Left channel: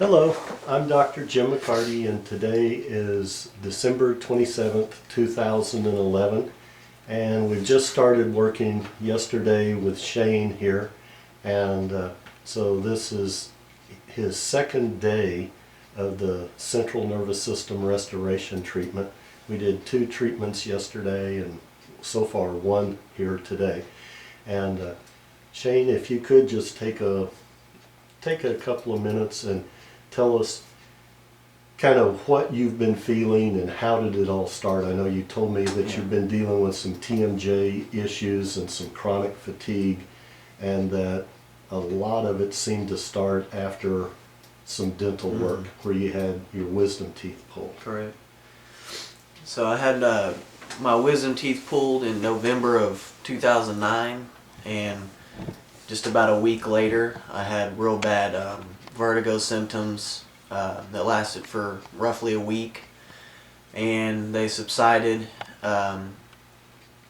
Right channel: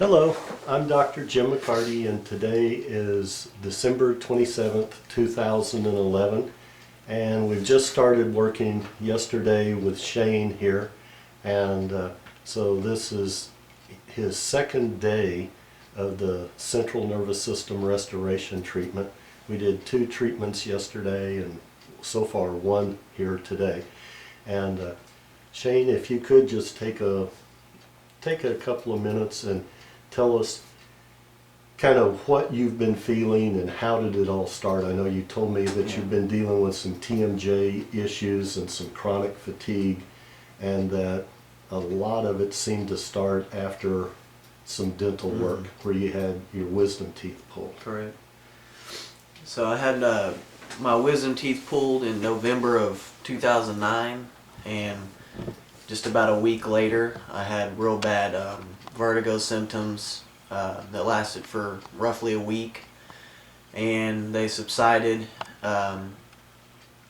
Hello, I'm Dr. Jim McCarty, and today is December 27th, 2011, and we've just started working yesterday with Shane here, and so this is his second day of the central nervous system restoration treatment. We did 2 treatments yesterday and so far 1 here today. And Shane, if you could just take a couple of minutes and tell us kind of what you've been feeling and how did it all start. I know you told me that you've been dealing with some TMJ issues and some chronic fatigue, and that a lot of it seemed to start after some dental work where you had your wisdom teeth pulled. Correct. So I had my wisdom teeth pulled in November of 2009, and just about a week later I had real bad vertigo symptoms that lasted for roughly a week, and they subsided, kind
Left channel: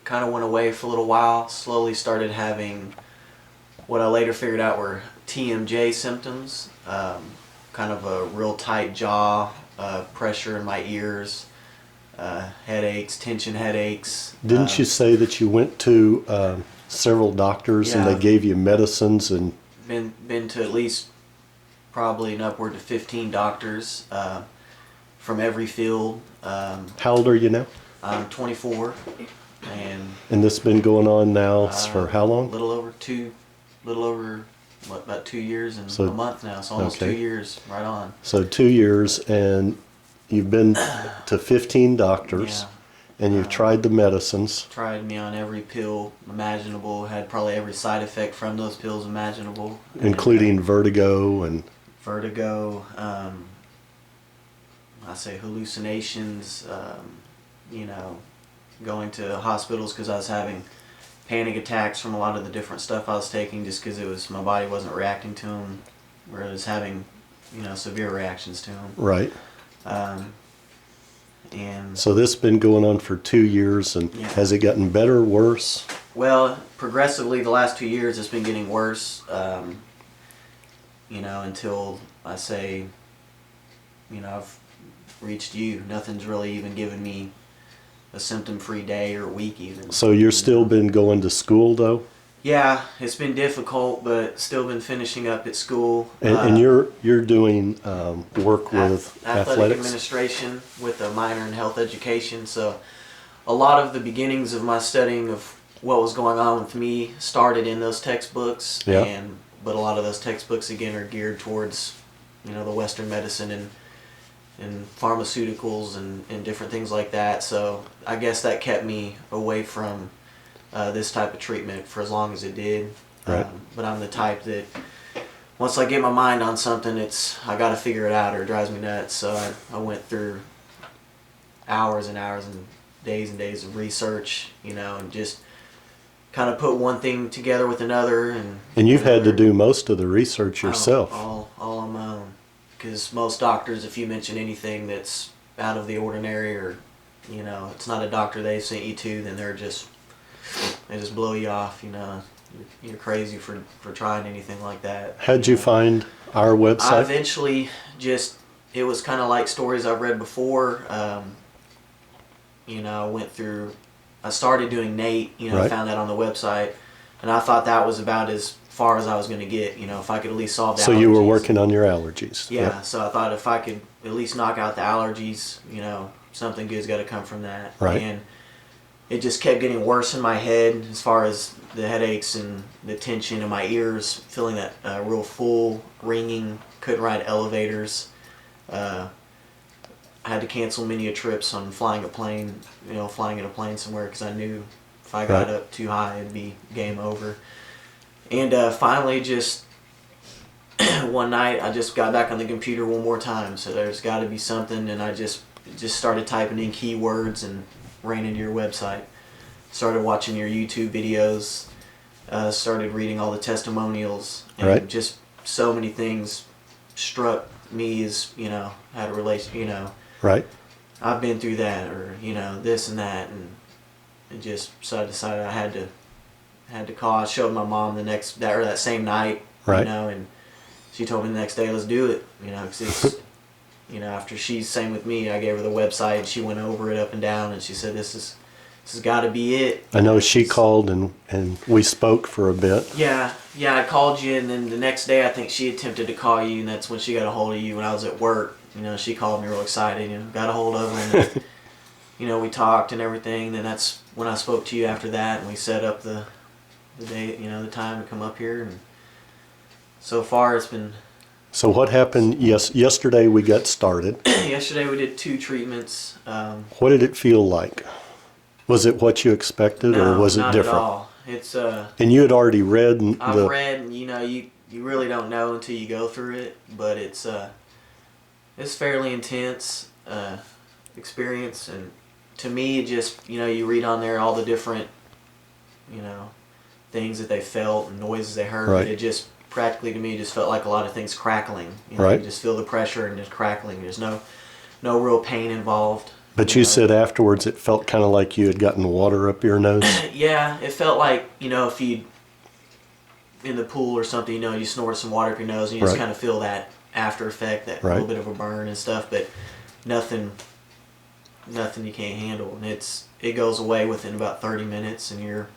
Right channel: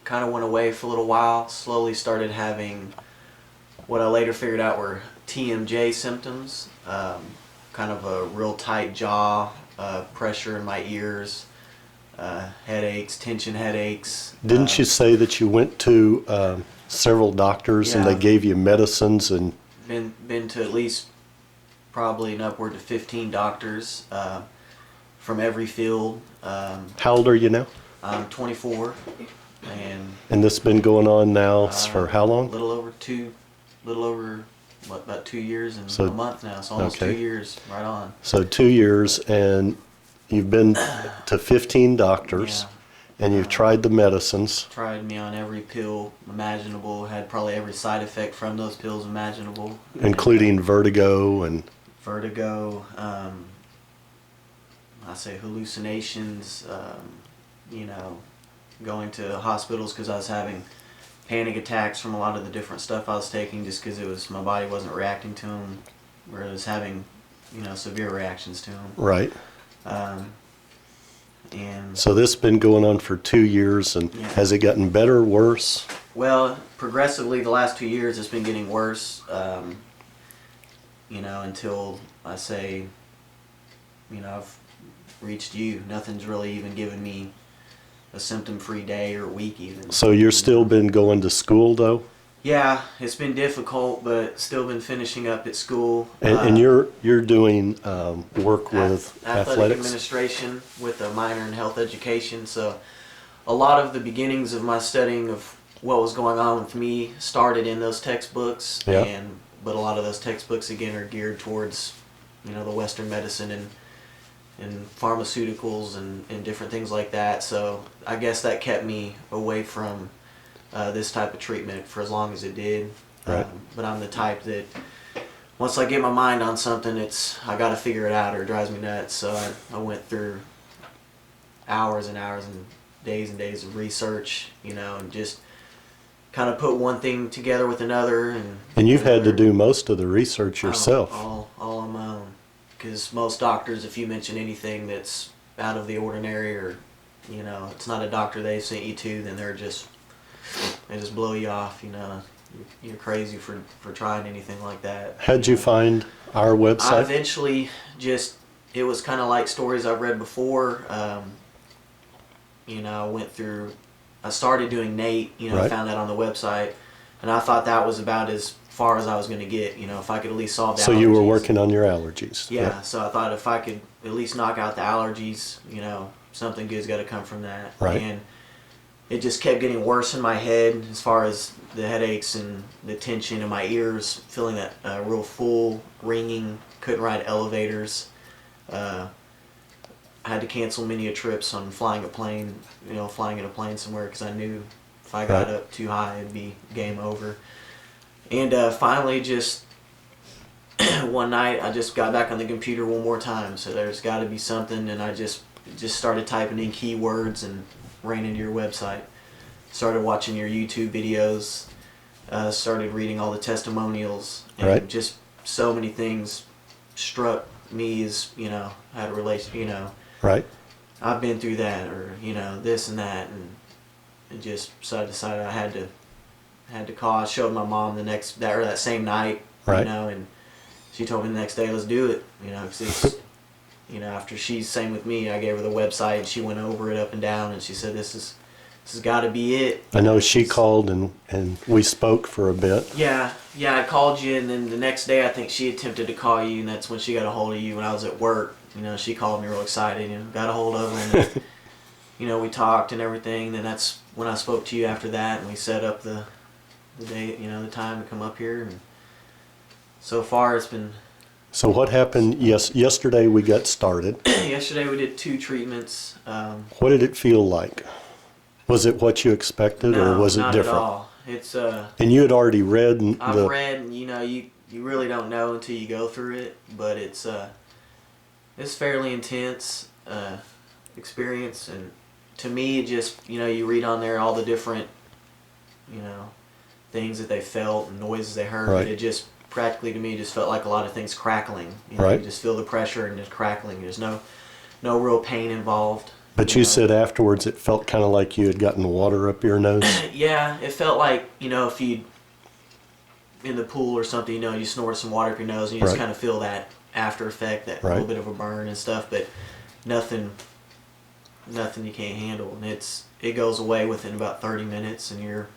of went away for a little while, slowly started having what I later figured out were TMJ symptoms, kind of a real tight jaw, pressure in my ears, headaches, tension headaches. Didn't you say that you went to several doctors and they gave you medicines? And been to at least probably an upward to 15 doctors from every field. how old are you now? I'm 24, And this has been going on now for how long? About 2 years and So- a month now. So almost 2 years, right on. So 2 years, and you've been to 15 doctors, and you've tried the medicines. Tried me on every pill imaginable. Had probably every side effect from those pills imaginable, Including vertigo and... vertigo. I say hallucinations. Going to hospitals because I was having panic attacks from a lot of the different stuff I was taking, just because my body wasn't reacting to them, where I was having severe reactions to them. Right. And So this has been going on for 2 years, and has it gotten better or worse? well, progressively the last 2 years it's been getting worse, until I say, I've reached you. Nothing's really even given me a symptom-free day or week even. So you're still been going to school though? Yeah, it's been difficult, but still been finishing up at school. And you're doing work with athletic athletics? administration with a minor in health education. So a lot of the beginnings of my studying of what was going on with me started in those textbooks. Yeah. But a lot of those textbooks again are geared towards the Western medicine and pharmaceuticals and different things like that. So I guess that kept me away from this type of treatment for as long as it did. Right. But I'm the type that once I get my mind on something, I got to figure it out or it drives me nuts. So I went through hours and hours and days of research, and just kind of put one thing together with another. And you've had to do most of the research yourself. All on my own. Because most doctors, if you mention anything that's out of the ordinary, or it's not a doctor they sent you to, then they just blow you off. You're crazy for trying anything like that. How'd you find our website? I eventually it was kind of like stories I've read before. I started doing NAET. I found that on the website, and I thought that was about as far as I was going to get. If I could at least solve the allergies. So you were working on your allergies. Yeah, so I thought if I could at least knock out the allergies, something good's got to come from that. Right. And it just kept getting worse in my head as far as the headaches and the tension in my ears, feeling that real full, ringing, couldn't ride elevators. I had to cancel many trips on flying in a plane somewhere because I knew if I got up too high, it'd be game over. And finally, just one night, I just got back on the computer one more time. So there's got to be something, and I just started typing in keywords and ran into your website. Started watching your YouTube videos. Started reading all the testimonials, and just so many things struck me as had a relation. Right. I've been through that, or this and that, and it just so I decided I had to call. I showed my mom that same night, Right. and she told me the next day, let's do it. 'Cause it's, after she's same with me, I gave her the website. She went over it up and down, and she said, this has got to be it. I know she called and we spoke for a bit. Yeah, I called you, and then the next day I think she attempted to call you, and that's when she got a hold of you when I was at work. She called me real excited, got a hold of her, and we talked and everything. And then that's when I spoke to you after that, and we set up the day, the time to come up here. And so far it's been... So what happened? Yesterday we got started. Yesterday we did 2 treatments. What did it feel like? Was it what you expected, or was it different? Not at all. It's and you had already read. I've read, and you really don't know until you go through it. But it's fairly intense experience, and to me, it just you read on there all the different things that they felt and noises they heard. Right. It just practically to me just felt like a lot of things crackling. Right. You just feel the pressure and just crackling. There's no real pain involved. But you said afterwards it felt kind of like you had gotten water up your nose. Yeah, it felt like, if you in the pool or something, you snorted some water up your nose and you just kind of feel that after effect, that little bit of a burn and stuff, but nothing you can't handle. And it goes away within about 30 minutes and you're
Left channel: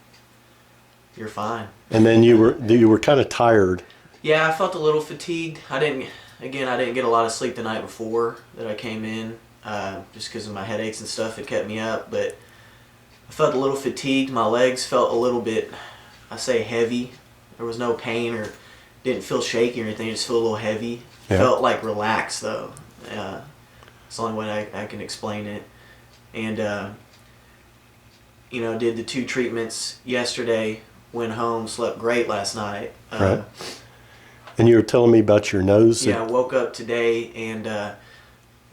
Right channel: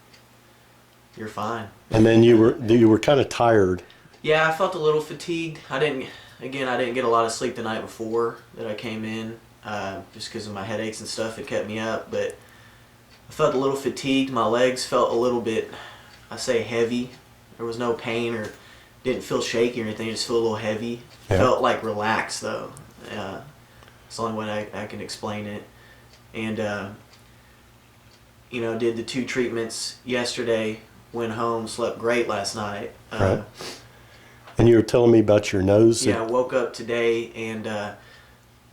fine. And then you were kind of tired. Yeah, I felt a little fatigued. I didn't get a lot of sleep the night before that I came in. Just because of my headaches and stuff, it kept me up, but I felt a little fatigued. My legs felt a little bit, I say heavy. There was no pain or didn't feel shaky or anything, just feel a little heavy. Yeah. Felt like relaxed though. It's the only way I can explain it. And, did the 2 treatments yesterday, went home, slept great last night. Right. And you were telling me about your nose. Yeah, I woke up today and,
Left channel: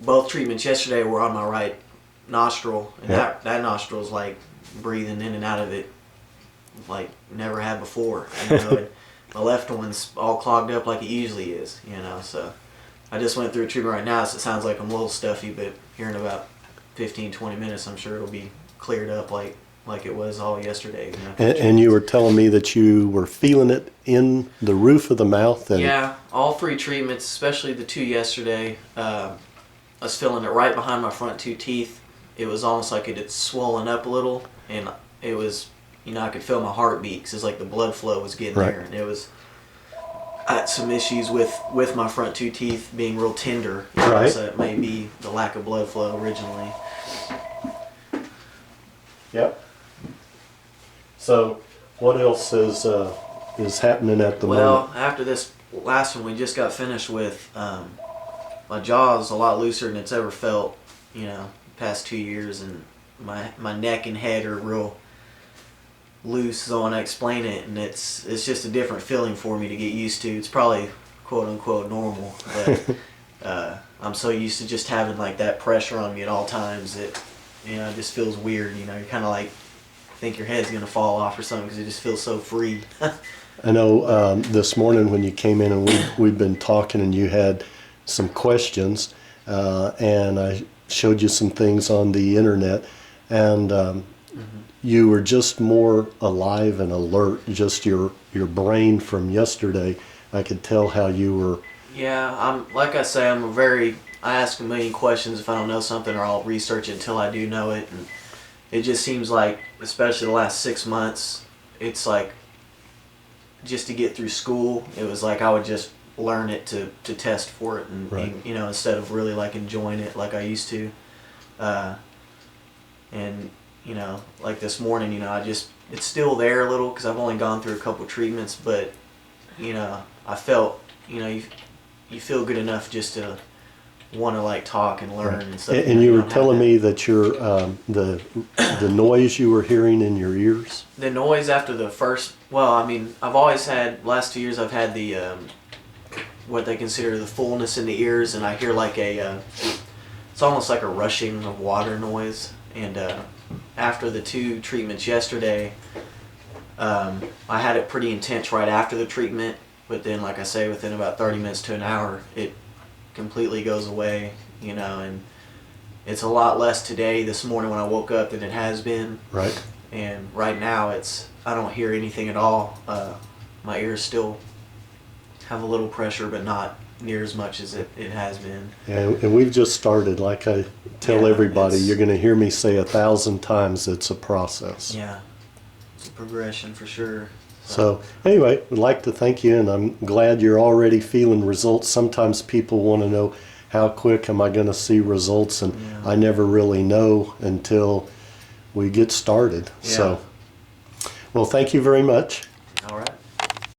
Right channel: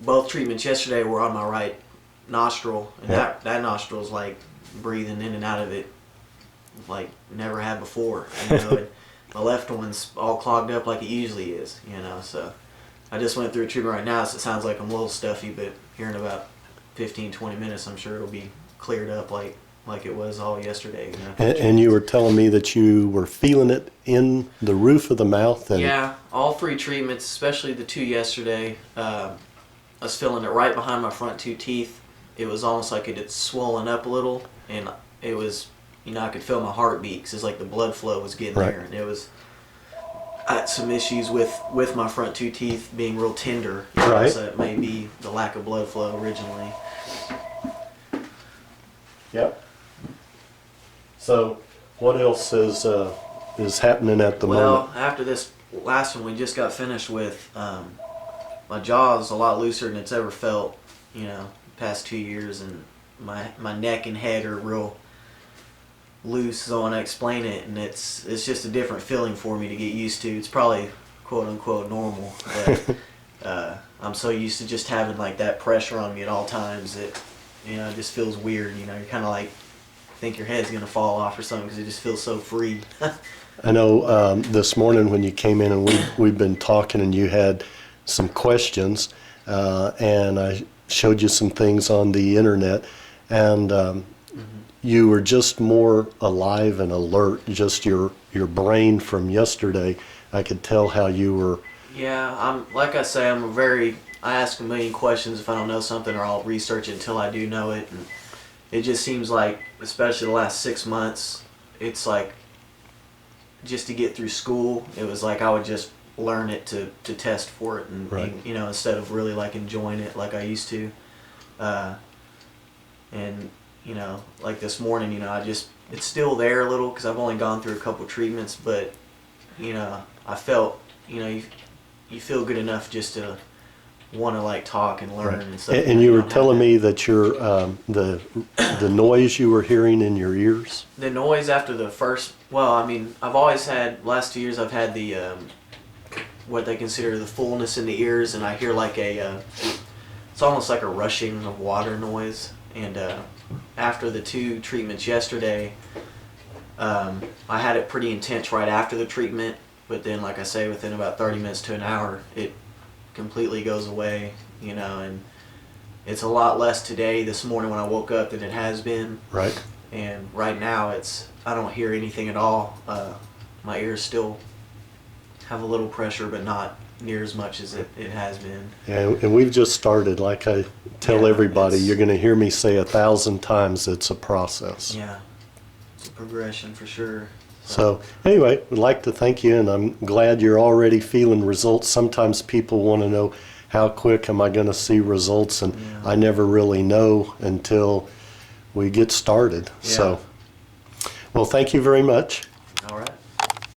both treatments yesterday were on my right nostril, and that nostril's like breathing in and out of it like never had before. And my left one's all clogged up like it usually is, so I just went through a treatment right now, so it sounds like I'm a little stuffy, but here in about 15-20 minutes I'm sure it'll be cleared up like it was all yesterday. And you were telling me that you were feeling it in the roof of the mouth. And yeah, all 3 treatments, especially the 2 yesterday, I was feeling it right behind my front 2 teeth. It was almost like it had swollen up a little, and it was, I could feel my heartbeat because it's like the blood flow was getting there. And I had some issues with my front 2 teeth being real tender. So it may be the lack of blood flow originally. Yep. So what else is happening at the moment? Well, after this last one we just got finished with, my jaw is a lot looser than it's ever felt, the past 2 years, and my neck and head are real loose, so when I explain it, and it's just a different feeling for me to get used to. It's probably quote unquote normal, but I'm so used to just having like that pressure on me at all times that it just feels weird. You're kind of like think your head's gonna fall off or something because it just feels so free. I know this morning when you came in and we've been talking and you had some questions, and I showed you some things on the internet, and you were just more alive and alert. Just your brain from yesterday, I could tell how you were. Yeah, I ask a million questions if I don't know something, or I'll research it until I do know it. And it just seems like, especially the last 6 months, it's like just to get through school, it was like I would just learn it to test for it, and instead of really like enjoying it like I used to. And like this morning, it's still there a little because I've only gone through a couple treatments, but I felt you feel good enough just to want to like talk and learn and stuff. And you were telling me that your the noise you were hearing in your ears. The noise after the first. Well, I've always had, last 2 years I've had the what they consider the fullness in the ears, and I hear like it's almost like a rushing of water noise. And after the 2 treatments yesterday, I had it pretty intense right after the treatment, but then like I say, within about 30 minutes to an hour, it completely goes away, and it's a lot less today, this morning when I woke up, than it has been. Right. And right now I don't hear anything at all. My ears still have a little pressure, but not near as much as it has been. And we've just started. Like I tell Yeah, everybody, it's- you're going to hear me say 1,000 times it's a process. Yeah, it's a progression for sure. So anyway, we'd like to thank you, and I'm glad you're already feeling results. Sometimes people want to know, how quick am I going to see results? And Yeah. I never really know until we get started. Yeah. So, well, thank you very much.